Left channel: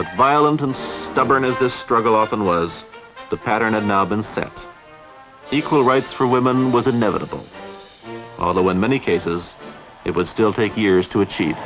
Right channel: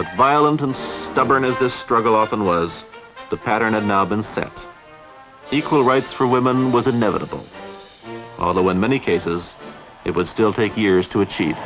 But violent and stubborn as this struggle often was, the pattern had now been set. Equal rights for women was inevitable, although in many cases, it would still take years to achieve.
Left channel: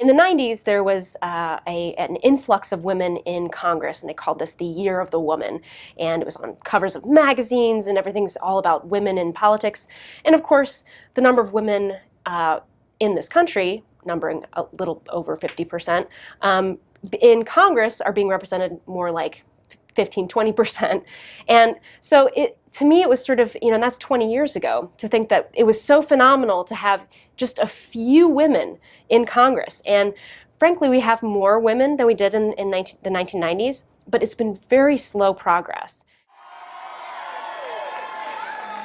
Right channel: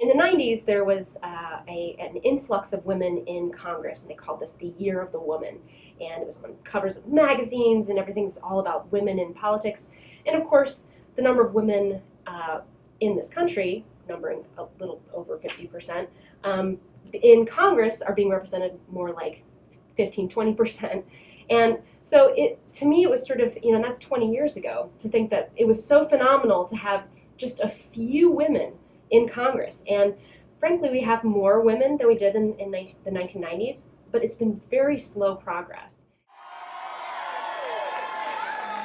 In the 90s, there was an influx of women in Congress, and they called this the Year of the Woman. And it was on covers of magazines, and everything's all about women in politics. And of course, the number of women in this country, numbering a little over 50%, in Congress are being represented more like 15, 20%. And so to me, it was sort of, and that's 20 years ago, to think that it was so phenomenal to have just a few women in Congress. And frankly, we have more women than we did in the 1990s, but it's been very slow progress.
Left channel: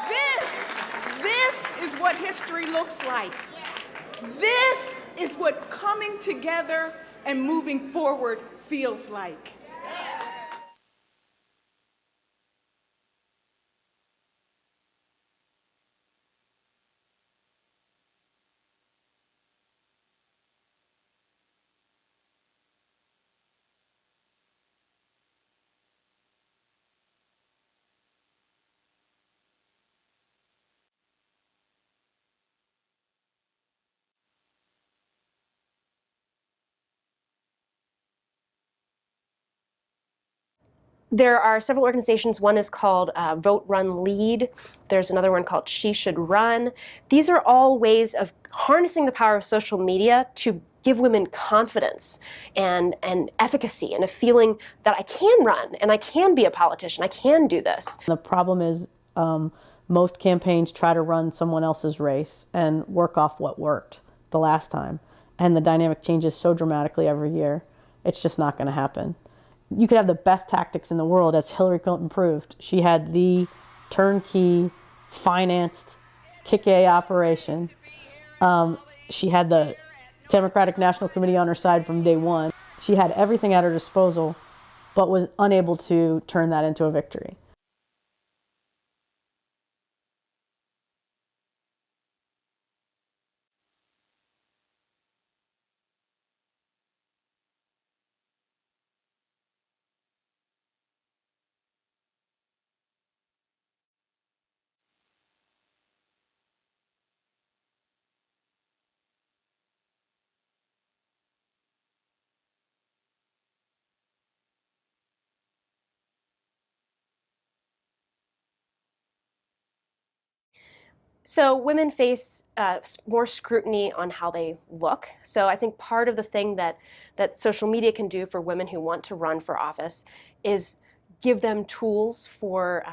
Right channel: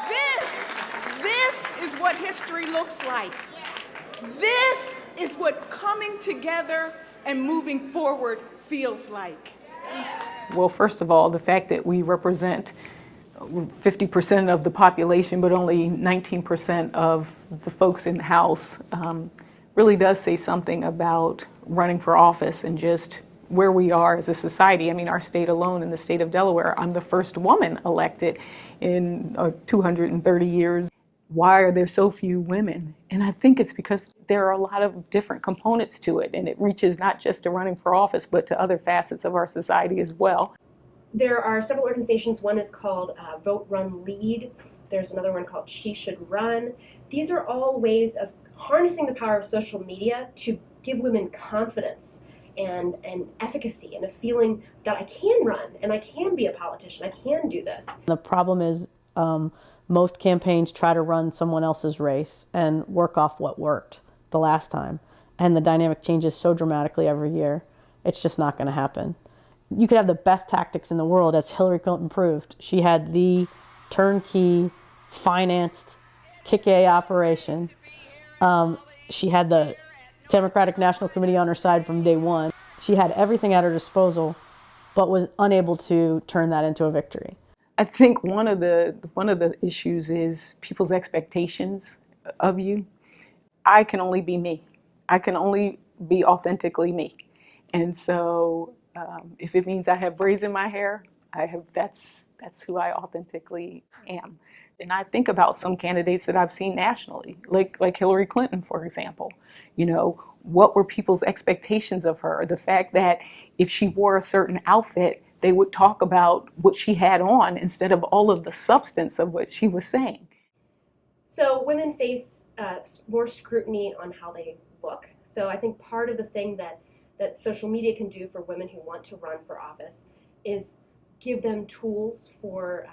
This is what history looks like. This is what coming together and moving forward feels like. Well, first of all, the fact that we represent 50% of the population, but only 19% of the folks in the House, really does say something about running for office and just where we are as a society. I mean, our state alone, in the state of Delaware, I'm the first woman elected in 230 years. Why are there so few women? And I think it's because there are a lot of different components to it, and it reaches not just to running for office, but to other facets of our society as well. There are several organizations. One is called Vote, Run, Lead. There's another one called She Should Run. These are all ways of harnessing the power of social media to give women confidence and efficacy and a feeling that I can run and I can be a politician, I can do this. The problem is most campaigns try to run someone else's race and work off what worked the last time. And the dynamic changes so dramatically every year. It's just not going to happen. You could have the best tactics in the world, as Hillary Clinton proved. She had the turnkey, financed, kick-A operation. She had the Democratic National Committee on her side from day one. She had everything at her disposal, but was unable to turn that into a victory. I think one of the issues is people's expectations of you. I can only be me. I can only be authentically me. And so if it means I have braids in my hair, that's who I authentically am. And I think about some candidates that I've seen nationally, like Hillary Clinton, for example. What were people's expectations of her? The fact that if she wore a certain outfit, they would talk about what she had on instead of all of the substance of what she was saying. So women face more scrutiny on how they look. So I think part of the thing that social media can do for women who want to run for office is give them tools for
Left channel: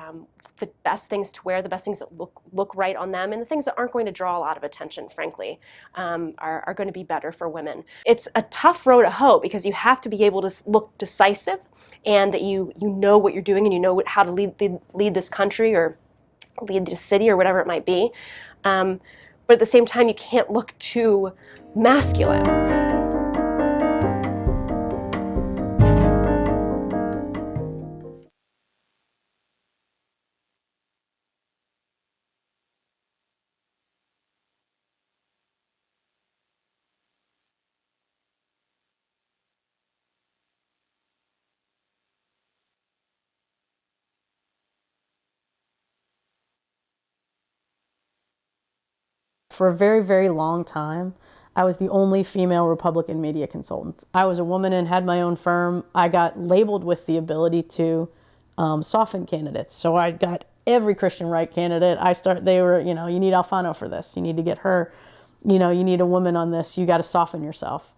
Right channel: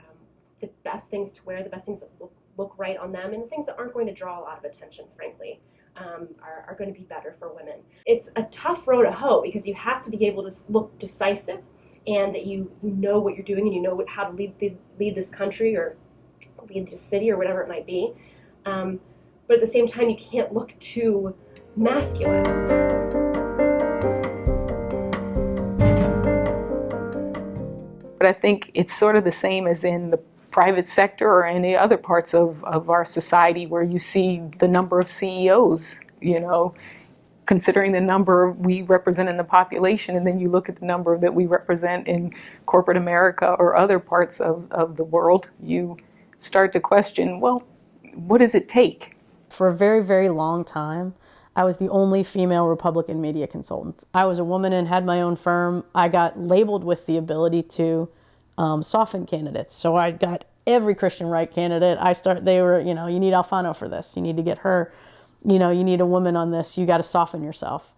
the best things to wear, the best things that look right on them, and the things that aren't going to draw a lot of attention, frankly, are going to be better for women. It's a tough road to hoe because you have to be able to look decisive and that you know what you're doing and you know how to lead this country or lead the city or whatever it might be. But at the same time, you can't look too masculine. But I think it's sort of the same as in the private sector or any other parts of our society where you see the number of CEOs, considering the number we represent in the population, and then you look at the number that we represent in corporate America or other parts of the world, you start to question, well, what does it take? For a very, very long time, I was the only female Republican media consultant. I was a woman and had my own firm. I got labeled with the ability to soften candidates. So I got every Christian right candidate. They were, you need Alfano for this. You need to get her. You need a woman on this. You got to soften yourself.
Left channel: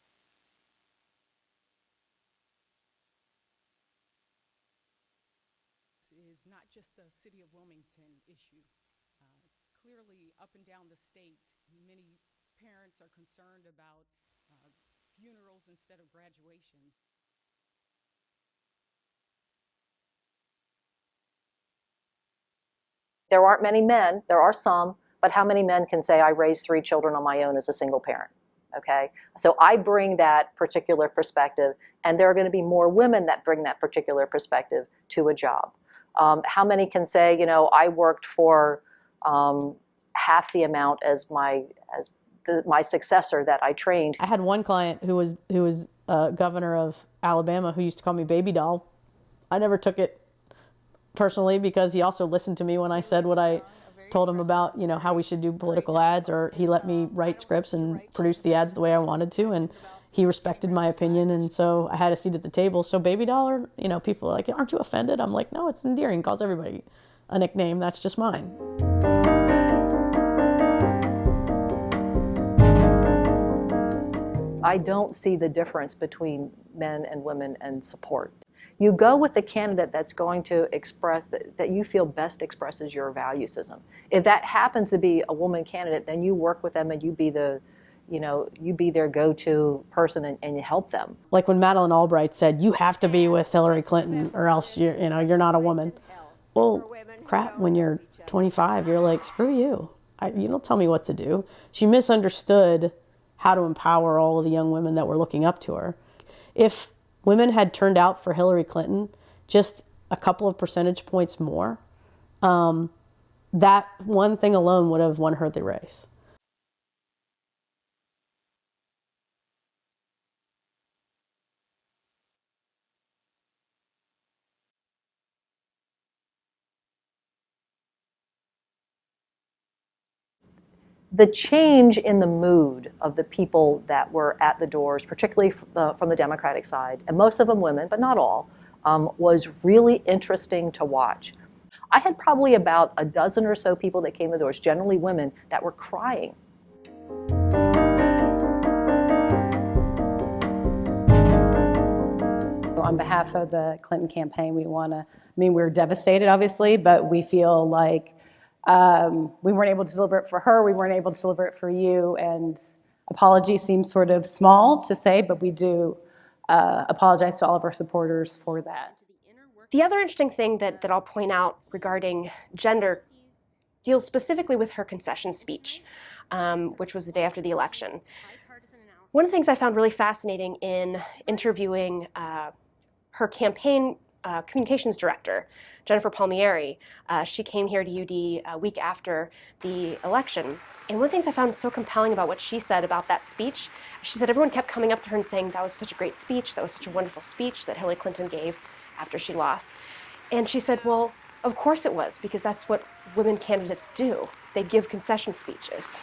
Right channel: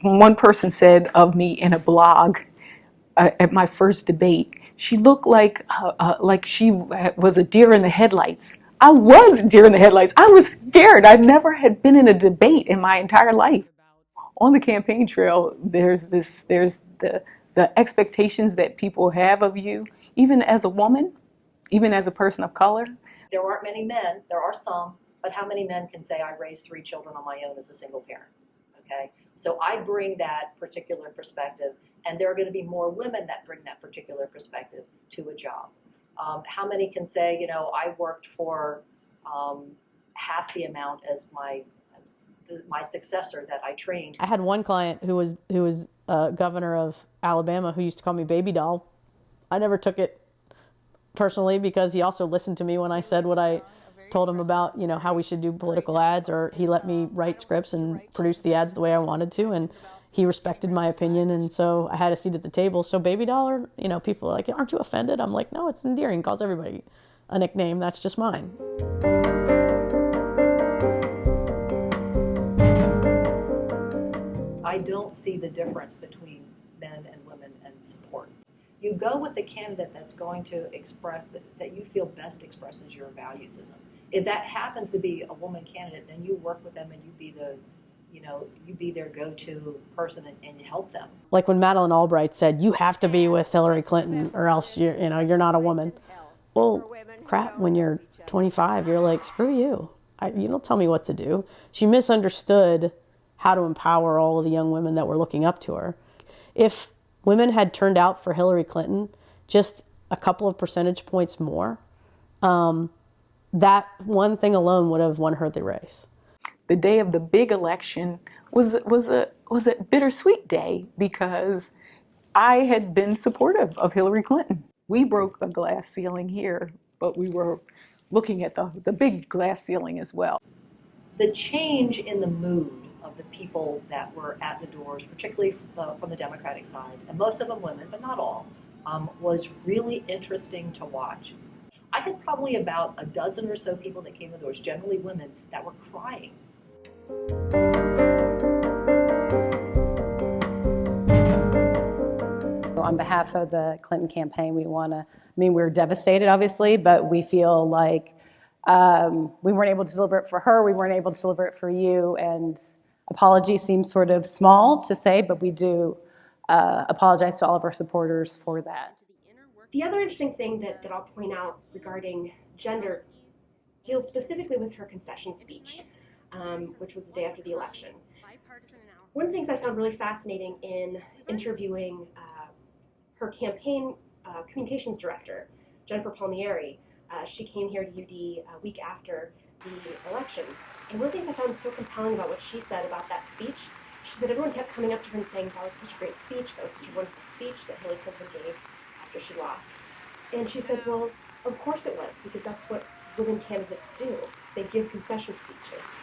One person said of me in a blog at my first debate, she looked like she was a deer in the headlights. I was a deer in the headlights. I was scared. I never had been in a debate in my entire life. on the campaign trail, there's the expectations that people have of you, even as a woman, even as a person of color. There aren't many men, there are some, but how many men can say I raised 3 children on my own as a single parent? Okay, so I bring that particular perspective, and there are going to be more women that bring that particular perspective to a job. How many can say, you know, I worked for half the amount as my successor that I trained? I had one client who was governor of Alabama who used to call me baby doll. I never took it personally because he also listened to me when I said what I told him about, you know, how we should do political ads, or he let me write scripts and produce the ads the way I wanted to, and he respected my opinion, and so I had a seat at the table. So baby doll, or, you know, people are like, aren't you offended? I'm like, no, it's endearing. Calls everybody a nickname. That's just mine. I don't see the difference between men and women and support. You go with the candidate that's going to express, that you feel best expresses your value system. If that happens to be a woman candidate, then you work with them and you be the, you know, you be their go-to person and you help them. Like when Madeleine Albright said, you have to be with Hillary Clinton or else you're not a woman. Well, crap, when you're 25, you're like, screw you. You don't tell me what to do. She misunderstood how to empower all of the young women that were looking up to her. If women had turned out for Hillary Clinton just a couple of percentage points more, that one thing alone would have won her the race. The day of the big election was a bittersweet day because I had been supportive of Hillary Clinton. We broke the glass ceiling here, but we were looking at the big glass ceiling as well. The change in the mood of the people that were at the doors, particularly from the Democratic side, and most of them women, but not all, was really interesting to watch. I had probably about a dozen or so people that came to the doors, generally women, that were crying. On behalf of the Clinton campaign, we're devastated, obviously, but we feel like we weren't able to deliver it for her, we weren't able to deliver it for you, and apology seems sort of small to say, but we do apologize to all of our supporters for that. The other interesting thing that I'll point out regarding gender deals specifically with her concession speech, which was the day after the election. One of the things I found really fascinating in interviewing her campaign communications director, Jennifer Palmieri, she came here to UD a week after the election. And one of the things I found so compelling about what she said about that speech, she said everyone kept coming up to her and saying that was such a great speech, that was such a wonderful speech that Hillary Clinton gave after she lost. And she said, well, of course it was, because that's what women candidates do. They give concession speeches.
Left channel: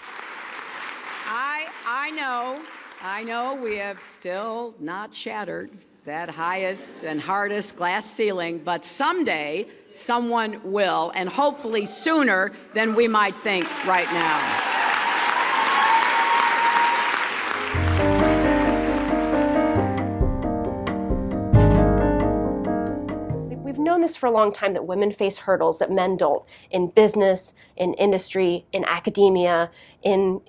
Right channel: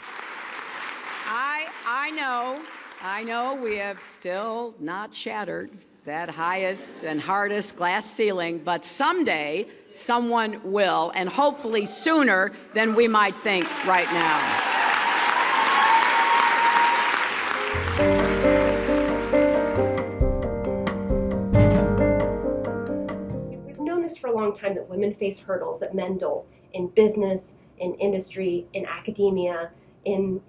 I know we have still not shattered that highest and hardest glass ceiling, but someday someone will, and hopefully sooner than we might think right now. We've known this for a long time, that women face hurdles that men don't, in business, in industry, in academia, in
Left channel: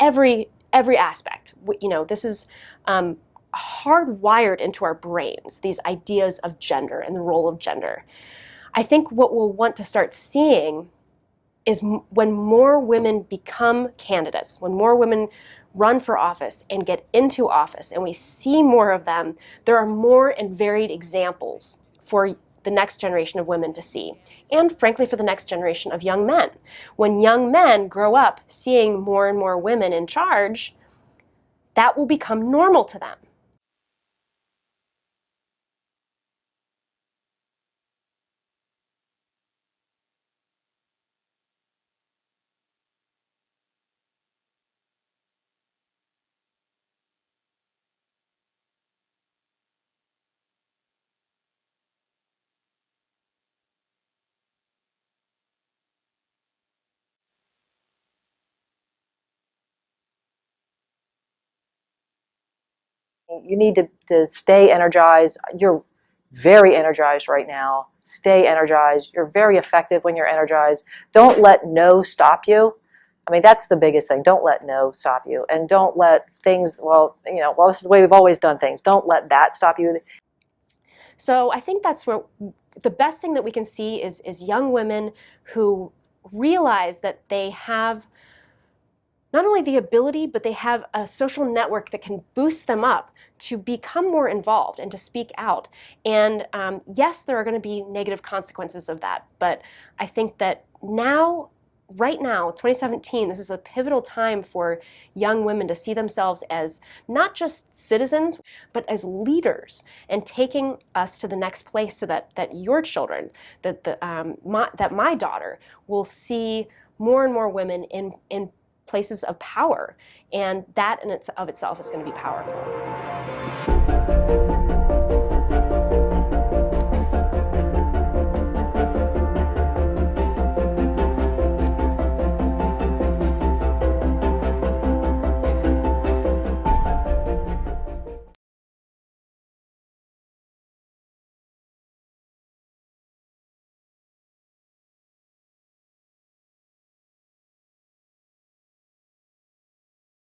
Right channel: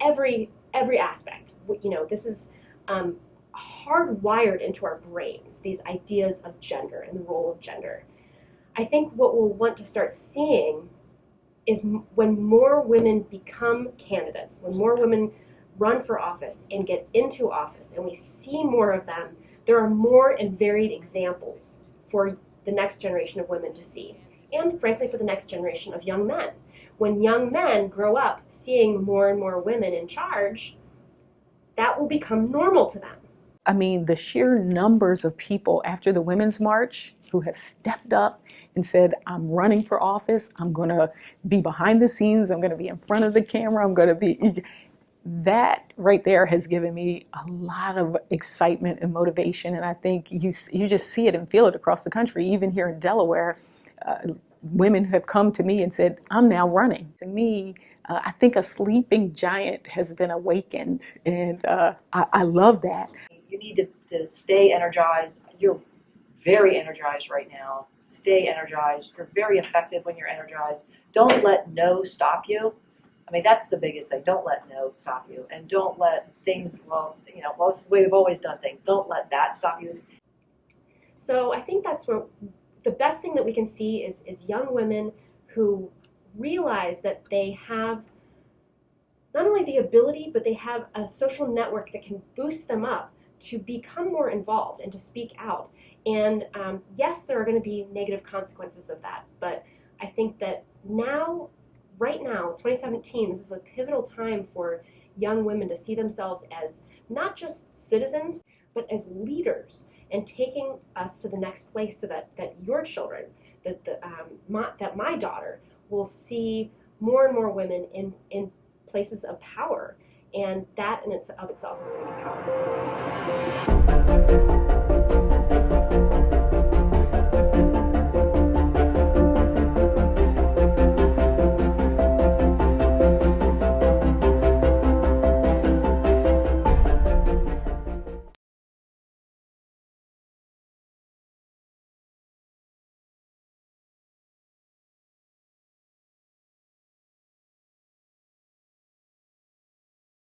every aspect. This is hardwired into our brains, these ideas of gender and the role of gender. I think what we'll want to start seeing is when more women become candidates, when more women run for office and get into office, and we see more of them, there are more and varied examples for the next generation of women to see, and frankly for the next generation of young men. When young men grow up seeing more and more women in charge, that will become normal to them. I mean, the sheer numbers of people after the Women's March who have stepped up and said, I'm running for office, I'm going to be behind the scenes, I'm going to be in front of the camera, I'm going to be... That right there has given me a lot of excitement and motivation, and I think you just see it and feel it across the country. Even here in Delaware, women have come to me and said, I'm now running. To me, I think a sleeping giant has been awakened, and I love that. You need to stay energized. You're very energized right now. Stay energized. You're very effective when you're energized. Don't let no stop you. I mean, that's the biggest thing. Don't let no stop you. And don't let things, well, this is the way we've always done things. Don't let that stop you. So I think that's where the best thing that we can see is young women who realize that they have not only the ability, but they have a social network that can boost them up to become more involved and to speak out. And yes, there are going to be negative consequences of that, but I think that now, right now, 2017, this is a pivotal time for young women to see themselves as not just citizens, but as leaders and taking us to the next place so that your children, that my daughter will see more and more women in places of power. And that in of itself is going to be powerful.